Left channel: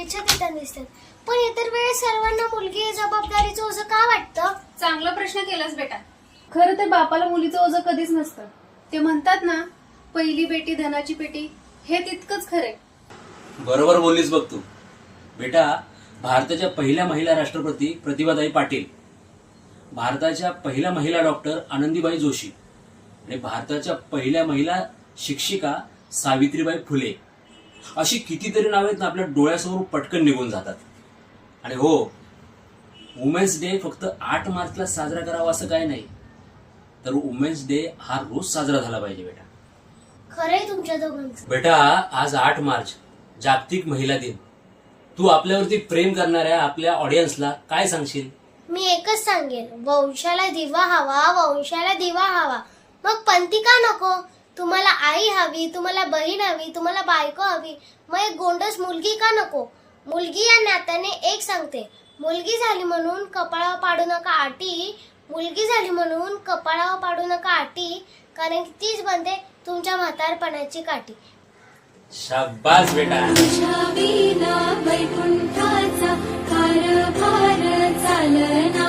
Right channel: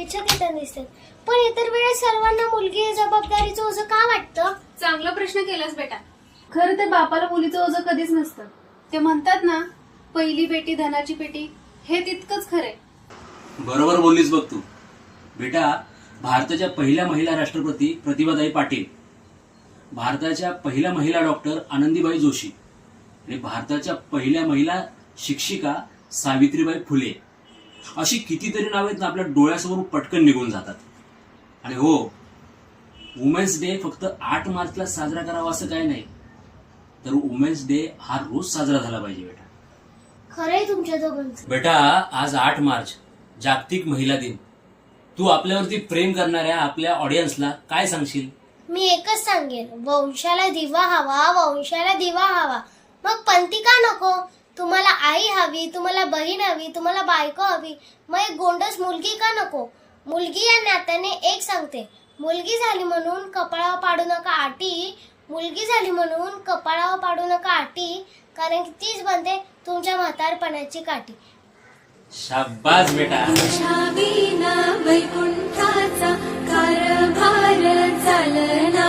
शुभेच्छा देताना दिसतात, पण इतर वेळेस सर्वांना मुलगी ही जबाबदारीचं ओझं का वाटतं? चांगला प्रश्न केलास बेटा. खरं तर बापाला मुलीचं ओझं कधीच नसतं. ते म्हणतात ना, पहिली बेटी धनाची पेटी, हे तितकंच खरंय. बरोबर बोललीस बघ तू. बेटा, भारताच्या पहिल्या महिला राष्ट्रपती प्रतिभाताई पाटील, भारताच्या पहिल्या महिला डॉक्टर आनंदीबाई जोशी आणि भारताच्या पहिल्या महिला शिक्षिका सावित्रीबाई फुले, अशी कितीतरी नावे आहेत ना, आपल्या डोळ्यासमोर पटकन निघून जातात. आणि हो, वुमेन्स डे फक्त 8 मार्चला साजरा करावा असं काही नाही, तर वुमेन्स डे हा रोज साजरा झाला पाहिजे बेटा. खरंय तुमच्या दोघांचं. बेटा, आज 8 मार्च जागतिक महिला दिन. तू आपल्यावरती प्रेम करणाऱ्या आपल्या ऑडियन्सला काय सांगशील? मी एकच सांगेन, वंशाला दिवा हवा, वंशाला दिवा हवा. मग पंथी का नको? तुम्हाला आई हवी, तुम्हाला बहीण हवी, तुम्हाला बायको हवी, मग एक गोंडस मुलगी का नको? मुलगी या नात्याने एक सांगते, मुलगी झाली म्हणून कपाळावर पाडू नका आटी, मुलगी झाली म्हणून कपाळावर पाडू नका आटी, कारण की तीच बनते तुमच्या म्हातारपणाची काठी. शाबास बेटा. वैकुंठाचा कारभार चालना.